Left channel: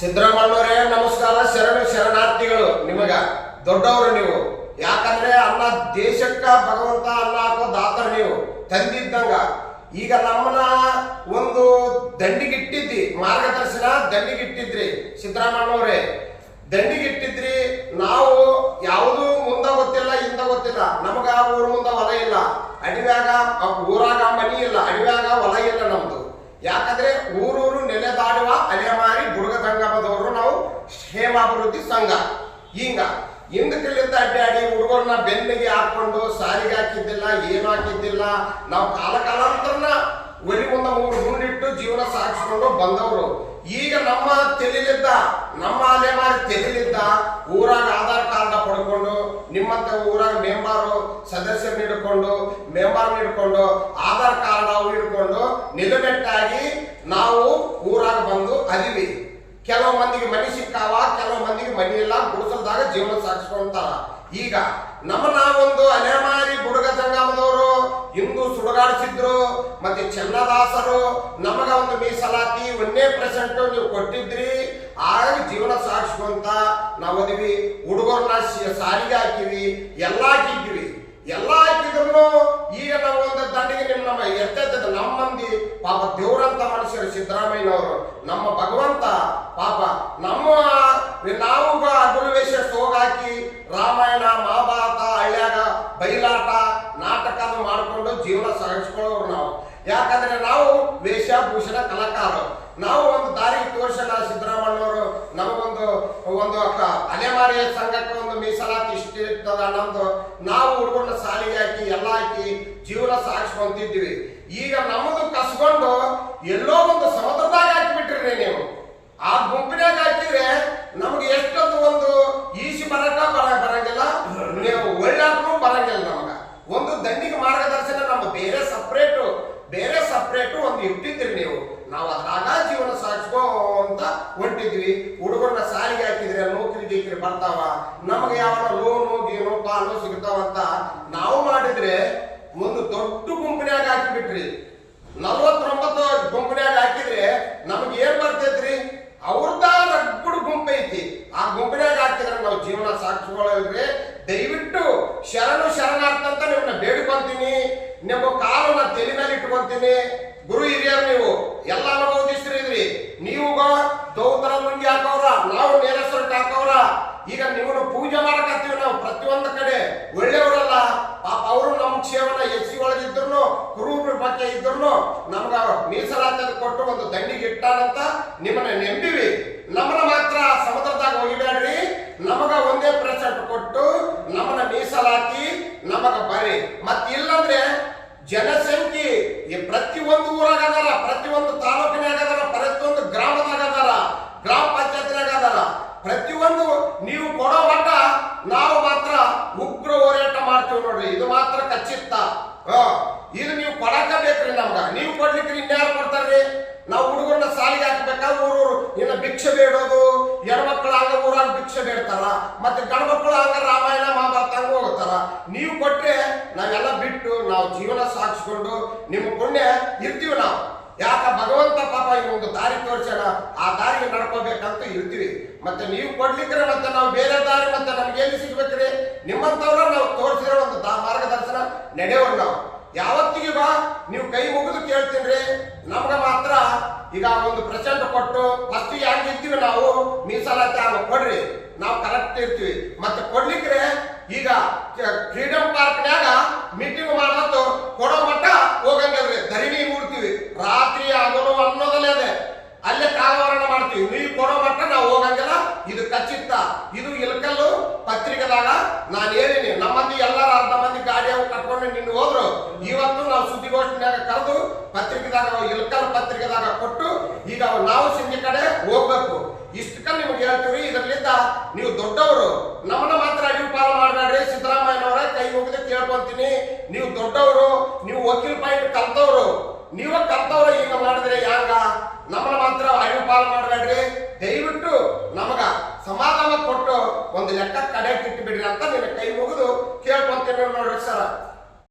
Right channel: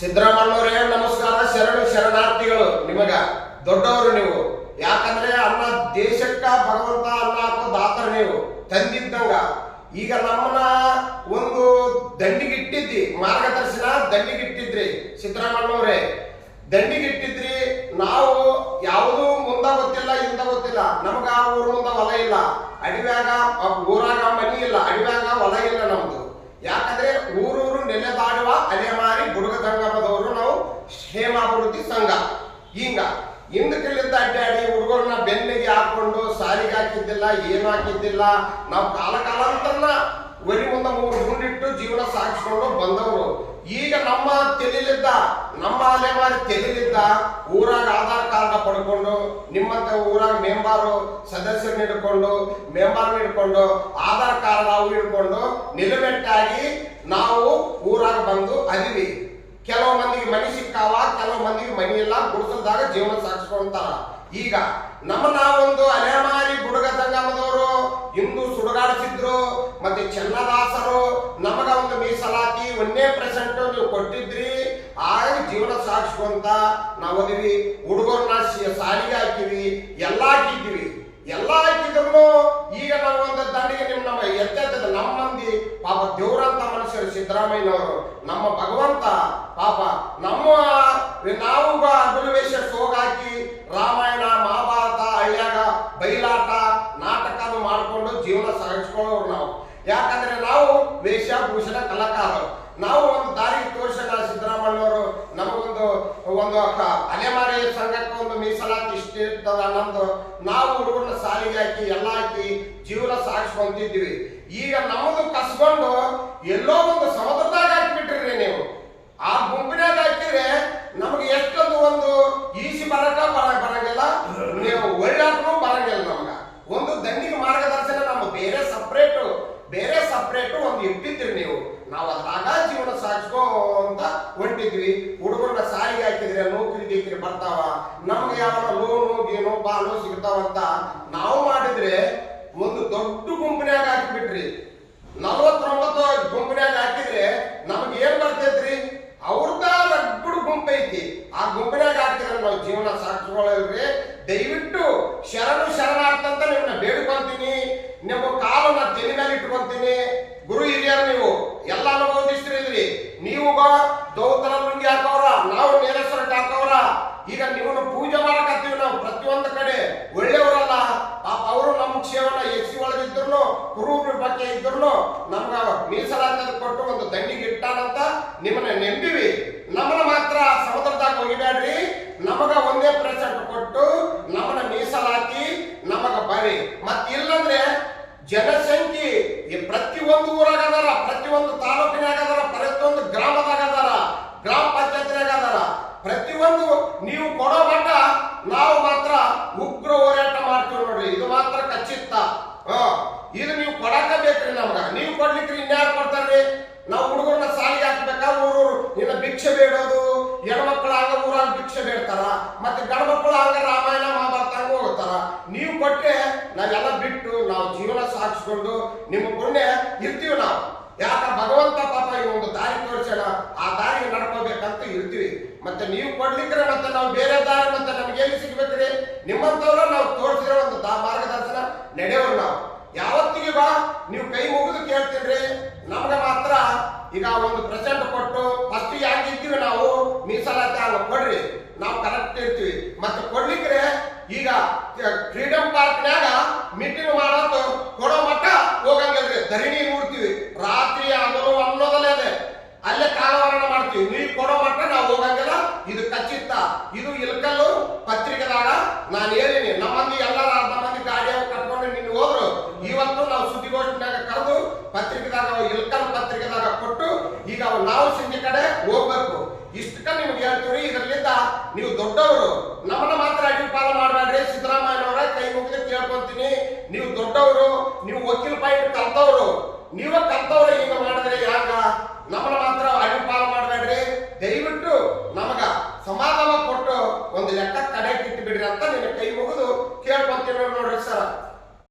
ಸಿದ್ದರಾಮಣ್ಣವರೇ ನಮಸ್ಕಾರ. ಶರಣು ಶರಣಾರ್ಥಿಗಳು. ನಿಮಗ ದೊಡ್ಡವರು ನೀವು. ಯಾಕಂದ್ರೆ ಅನ್ನ ದೇಶಕ್ಕ ಭಗವಂತ ಅನ್ನ ಹಾಕೋ ದಾತರ ನೀವು ತಂದಿದ್ದಂಗ. ಈಗ ನಮ್ಮನ್ನ ಒಂದು ದಂಡಿಗಿಟ್ಟಿದ್ರಿ, ಮಾರ್ಗದರ್ಶನ ದಂಡಿಗಿಟ್ಟಿದ್ರಿ ಸಿದ್ದರಾಮಣ್ಣವರೇ, ದಂಡಿಗಿಟ್ಟಿದ್ರಿ. ನಾವು ಯಾವುದು ಮುಂದ ಗೊತ್ತಿಲ್ಲ, ಹಿಂದ ಗೊತ್ತಿಲ್ಲ. ನಮಗ ಊರ ಮುಂದ ಹೊಲ ಇಲ್ಲ, ಅಡಿವ್ಯಾಗ ಊರಾಗ ಮನಿ ಇಲ್ಲ, ಅಡಿವ್ಯಾಗ ಹೊಲ ಇಲ್ಲ ನಮ್ದು. ಯಾಕಂದ್ರೆ ಊರೂರು ನೆಲೆದಾಡುವ ಅಲೆಮಾರಿ ಬುಡುಗ ಸಂಗಮದವರು ನಾವು ಕ್ಷೇಮಾಭಿವೃದ್ಧಿ ಸಂಘ. ಹಿಂಗ ಹಿಂದಕ್ಕಿಲ್ಲಿದ್ದ ಅಡ್ಡಾಡಿ ಹುಡುಗರನ್ನ ಬೆನ್ನಿಗೆ ಹಾಕೊಂಡು ಸಾರಿಗೆ ಹಾಕಿದ್ದಿಲ್ಲ, ಏನು ಹಾಕಿದ್ದಿಲ್ಲ. ನಾವು ಕಾಲಾಂತರನ ಒಲಿ ಮುಂದೆ 3 ಗುಂಡಿಟ್ಟು ಜೀವನ ಸಾಗಿಸ್ಕೊಂಡು ಬಂದವರು. ಈಗ ನಮ್ಮ ತೆಲಿಲಿದ್ದ, ನಮ್ಮ ಅಲೆಮಾರಿ ತೆಲಿಲಿದ್ದ ಊರಾಗ ಆಧಾರ್ ಕಾರ್ಡ್ ಪಡ್ಕೊಂಡು, ನಿಮ್ಮಂತ ಊರಾಗ ಮೆಂಬಾರು ಸದಸ್ಯರು ಹಿಡ್ಕೊಂಡು ಆಧಾರ್ ಕಾರ್ಡ್ ಅವು ಹಿಡ್ಕೊಂಡು ನಿಲುಮೆಟ್ಟಾಗಿ ನಾವು ಊರಾಗ ಬಂದು ಅದೀವಿ. ಕೆಲವು ಮಂದಿಗೆ ಮನಿ ಸಿಕ್ಕಾವ, ಕೆಲವು ಮಂದಿಗೆ ಮನಿ ಇಲ್ಲ, ಗುಡಿಸಲ್ದಾಗ ಜೀವನ ಸಾಗಿಸ್ಕೊಂತಾರ. ಈಗ ನಮ್ಮನ್ನ ಒಂದು ಅಲೆಮಾರಿ ಬುಡುಗ ಸಂಗಮದವರು ಹಿಂದೂ ಸುಡುಗಾಡಿಸಿದ್ರು. ಮತ್ತೆ ಚೆನ್ನದಾಸರು ನಮಗ ಒಂದು ಮೀಸಲಾತಿ 1% ನೀವು ಕೊಟ್ಟಿದ್ರಿ. ಆಗ ಜೀವನ ಸಾಗಿಸ್ಕೊಂತ ನಾವು ಓದಿವಿ. ಹುಡುಗರನ್ನ ಸಾರಿಗೆ ಹಾಕಿವಿ, ಎಲ್ಲಾ ಹಾಕಿದ್ರು. ಈಗ ನಾವು ಒಂದು ದಂಡಿಗೆ ನಮ್ಮ ಎತ್ತದ ನಮ್ಮ ಮಂದಿ ಪಾಪ ದೇವ್ರಂತ ಮನುಷ್ಯರು ಸಿದ್ದರಾಮಯ್ಯನವರು, ನಮ್ಮ ಭಗವಂತ ಪಾಪ ನಾವು ಅಗುಲವೇಶ ಸೋಗಾಕಿ ರಾಮಾಯಣ ಮಹಾಭಾರತ ಹಳ್ಳ್ಯಾಗ ಬಯಲಾಟ ನಾಟಕ ಮಾಡ್ಕೊಂಡು ಜೀವನ ಸಾಗಿಸ್ಕೊಳ್ಳೋರು ನಾವು. ಯಾಕಂದ್ರೆ ನಾವು ವೇಷಭೂಷಣ ಕಲಾಕಾರರು. ನಾವು ಒಂದು ದಾರಿಗೆ ತೋರಿಸೋಣ. ಸಿದ್ದರಾಮಣ್ಣವರು ನಮಗೊಂದು ಅಲೆಮಾರಿ ಸಂಘಕ್ಕೆ ಒಂದು ಮೀಸಲಾತಿ ಇಷ್ಟ ಇರ್ತದ ನಮ್ದು. ನಾವು ಹುಡುಗರನ್ನ ಸಾಲಿಗೆ ಹಾಕಿ ಎಲ್ಲ ಹಾಕಿ ಜೀವನ ಸಾಗಿಸ್ಕೊಂತಿದ್ವಿ. ಈಗ ನಮ್ಮದು ಕಸ್ಕೊಂಡು ಎಲ್ಲೋ ಒಂದು ಸಮುದ್ರದಾಗ ಹಾಕಿಬಿಟ್ರಿ ನೀವು. ಆ ಗುಂಪಿನಾಗ ಹಾಕಿದ್ರೆ ನಮ್ಗೆ ಎಷ್ಟೊಂದು ಒಂದು ಈಸಿ ಬರಂಗಿಲ್ಲ, ನೀವು ಒಳ್ಳಾದ್ರೂ ಬರಂಗಿಲ್ಲ. ನಮಗ ಒಂದು ದಂಡಿಗೆ ಮಾರ್ಗದರ್ಶನ ನಮ್ಮ ಬೇರೆ ಸಪ್ರೇಟು ಒಂದು ಇಟ್ಟಿದ್ರಿ ನೀವು. ನಾವು ಅದ್ರಾಗ ಜೀವನ ಸಾಗಿಸ್ಕೊಂತ ಹೊಂಟಿದ್ವಿ. ಹುಡುಗರನ್ನ ಸಾಲಿಗೆ ಹಾಕಿದ್ರೆ ನೌಕರಿ ಬರ್ತಾವ, ನಮಗೆ ಯಾವನ ಲೋನು ಗೀನು ಪಾಲು ಸಿಗ್ತಾವಂತ ನಾವು ಮಾಡಿದ್ರೆ ಒಂದು ದೊಡ್ಡ ಗುಂಪಿನಾಗ ಹಾಕಿಬಿಟ್ರಿ. 49 ಗುಂಪಿನಾಗ ಹಾಕಿದ್ರೆ ನಮ್ಗೆ ಏನ್ ಬರ್ತೈತ್ರಿ? ಅವ್ರದ ರಗ್ಗುಡು ಗುಂಪು ಐತಿ. ಆ ಗುಂಪಿನಾಗ ಹಾಕಿದ್ರೆ ನಾವು ಜೀವನ ಸಾಗಿಸ್ಕೊಳ್ಳಲ್ರಿ. ದಯವಿಟ್ಟು ಶರಣಾರ್ಥ ಅಂತ ನಿಮ್ಮನ್ನ ಬೇಡ್ಕೊಂತೀನಿ. ನಿಮ್ಮ ಕಾಲನ್ನ ತಲೆ ಮೇಲೆ ಇಟ್ಕೊಂತೀನಿ. ಗುರು ಹಿರಿಯರು ನೀವು ಎಲ್ಲ ಅನುಭವಿಸ್ತಿದ್ರಿ. ನೀವು ದೌತರ ಲುಂಗಿ ಹಾಕವ್ರ, ನಾವು ನೇರ ಶರ್ಟ್ ಹಾಕವ್ರ. ಈಗ ನಿಮ್ಮನ್ನು ಪೂಜೆ ಮಾಡಕತ್ತೀವಿ ನಾವು ಪ್ರತಿಯೊಂದು ಕಡೆ. ಒಳ್ಳೆಯವರಲ್ಲ ಪಾಪ ಅವರು ನಮ್ಮ ಸೇವನ ಎಸಿ ಒಳಗಿದ್ರು, ಕುರುಬರ ಬಗ್ಗೆ ಇದ್ರು ನಮ್ಗ ಮೀಸಲಾತಿ ಕೊಟ್ಟು ಒಂದು ದಂಡಿಗೆ ಇಟ್ಟಾನಂತ ನಿಮ್ಮನ್ನ ನೆಂಬಿವಿ. ನಮ್ಮನ್ನ ಮಾತ್ರ ಸಮುದ್ರದಾಗ ಹೋಗಿಬ್ಯಾಡ್ರಿ. ನಮಗ 1% ಕೊಟ್ಟು ನಮ್ಮನ್ನ ಮೀಸಲಾತಿ ನಮಗ ಬರ್ರಿ. ಇಲ್ಲಂದ್ರೆ ಜನಸಂಖ್ಯೆ ಪ್ರತಿಯೊಂದು ಊರಾಗ ಅದಾರ, ಪ್ರತಿಯೊಂದು ತಾಲೂಕಿನಾಗ ಅದಾರ, ಪ್ರತಿಯೊಂದು ಗ್ರಾಮದಾಗ ಅದಾರ, ಗ್ರಾಮ ಪಂಚಾಯತ್ನಾಗ ಅದಾರ. ಪ್ರತಿಯೊಂದು ನೀವು ಕೊಡೋ ಮಟ್ಟ ನಾವು ಮಾತ್ರ ಉಗ್ರ ಹೋರಾಟ ಮಾಡ್ತೀವಿ ನೋಡ್ರಿ. ಇದು ಮಾತ್ರ ಖಚಿತ. ಇದು ನೀವು ಕೊಡಕ ಬೇಕ್ರಿ ನಮ್ಗ. ನೀವು ಕೊಡ್ಲಿಕ್ರಿ ಇನ್ಯಾರು ಕೊಡ್ತಾರ್ರಿ? ನಾವು ಹುಡುಗರನ್ನ ಸಾಲಿಗೆ ಹಾಕ್ಬೇಕಾ? ಊರೂರು ಇನ್ನ ಭಿಕ್ಷೆ ಬೇಡೋದು. ಹೆಣ್ಮಕ್ಳು ಹಂಗ ಊರಾಗ ಭಿಕ್ಷೆ ಬೇಡ್ತಾರ, ಮತ್ತೆ ಗಂಡ್ಮಕ್ಳು ಹಂಗ ರಾಮಾಯಣ ಮಹಾಭಾರತ ಹಂಗ ಹೋಗ್ತಾರ. ನೀವು ಕೊಟ್ರೆ ನಾವೆಲ್ಲ ಬಿಟ್ಟು ನಾವು ಜೀವನ ಸಾಗಿಸ್ಕೊಂಡು ನಿಮ್ಮ ಪುಣ್ಯ ಇರ್ತೀವಿ ನಾವು. ಯಾಕ ಭಗವಂತ ಪಾಪ ಈ ಒಂದು ದಾರಿ ತೋರಿಸೋಣ, ಆ ದಾರಿಗೆ ನಡ್ಕೋಬೇಕಂತ ಇರ್ತೀವಿ. ಮತ್ತೆ ನೀವು ಕೊಡ್ಲಿಕ್ರೆ ಮತ್ತೆ ನಾವು ಬೇರೆ ದಾರಿ ಮತ್ತೆ ನಮ್ಗೆ ಎಲ್ಲಿ ಸಿಗ್ಬೇಕ್ರಿ? ನಿಮ್ಮಂತವ್ರ ನಾವು ತೋರಿಸಿರೋ ಒಂದು ಮಾರ್ಗದರ್ಶನ ನಡೆಯೋರು ನಾವು. ಯಾವತ್ತಿಗೂ ನೀವು ಕೈ ಮುಗಿದು ಕೇಳ್ತೀನ್ರಿ. ನಮ್ಗ ಮಾತ್ರ ಈಗ 1% ಕೊಟ್ಟು ಫಸ್ಟ್ ಹೆಂಗಿರ್ತೀವಿ ನಾವು ಮೀಸಲಾತಿ ಹಂಗ ಕೊಡ್ರಿ, ನಾವು ಕರೆಕ್ಟ್ ಇರ್ತೀವಿ. ಮತ್ತೆ ಕೊಡ್ಲಿಕ್ರೆ ಈಗ ಫ್ರೀಡಮ್ ಪಾರ್ಕ್ನ್ಯಾಗ ಮೀಟಿಂಗ್ ಮಾಡೋದು ಕೊಡೋ ಮಟ್ಟ ಹೋಗಂಗಿಲ್ರಿ. ಧರಣಿ ನೋಡ್ತೀವಿ, ರಾತ್ರಿ ಹಗಲು ಅನ್ನೋದಲ್ಲೇ ಅದೇ ಅಲ್ಲೇ ಕಾಲವರಣ ಮಾಡ್ತೀವಿ. ನೀವು ಕೊಡೋ ಮಟ್ಟ ನಾವು ಹೋಗಂಗಿಲ್ಲ. ಇದು ಖಚಿತ. ಇದು ಇಲ್ಕಲ್ಲು ಪತ್ರಿಕೆದಾಗ ನಾನು ಹೇಳಿನಿ. ನಮ್ಮಂದಿ ಎಲ್ಲಾರು ಅರ್ಧ ಮಂದಿ ಗಾಡಿ ಅವು ಕಟ್ಕೊಂಡು ನಿನ್ನ ಹೋದ್ರು. ಇವತ್ತು ನಾವು ಸುದ್ದಿಗೋಷ್ಠಿನಾಗ ಕರೆದು ಪತ್ರಿಕೆದಾಗ ಇಲ್ಕಲ್ ಪತ್ರಿಕೆದಾಗ ಕೊಟ್ಟು ಈಗ ನಾವು ಸಂಜೆ ಕಡೆ ಹೋಗ್ಬೇಕು. ಇಷ್ಟಕ್ಕ ನಿಮ್ಗೆ ಹೇಳ್ತೀವಿ. ಇದರಿಂದ ನೀವು ದೊಡ್ಡವರು, ನಮ್ಮನ್ನ ಮಾತ್ರ ಅಡಿವು ಪಾಲು ಮಾಡಬೇಡ್ರಿ. ಸಿದ್ದರಾಮಯ್ಯನವರ ಕೈ ಮುಗಿದು ಕೇಳ್ಕೊಂತೀನಿ. ನೀವು ದೊಡ್ಡವರು, ನೀವು ವಕೀಲ್ ಪಾಯಿಂಟ್ ಕಲ್ತವ್ರು, ನೀವೇ ಕಲ್ತವ್ರು. ಈಗ ಮಾಡಿದ್ರೆ ಯಾಕ? ನಮ್ಮನ್ನ ಮಾತ್ರ ಅಡಿವು ಪಾಲು ಮಾಡಬೇಡ್ರಿ. ದಯವಿಟ್ಟು ನಮಗ ಸಮಾಧಾನ ಕೊಟ್ಟು ಒಂದು ಲೆಕ್ಕ ಕಡೆ ಇಟ್ಟು ಬಿಡ್ರಿ ಅಂತ ನಿನ್ನ ಕೈ ಮುಗಿದು ಕೇಳ್ಕೊಂತೀನಿ ನೋಡ್ರಿ ಸರ್.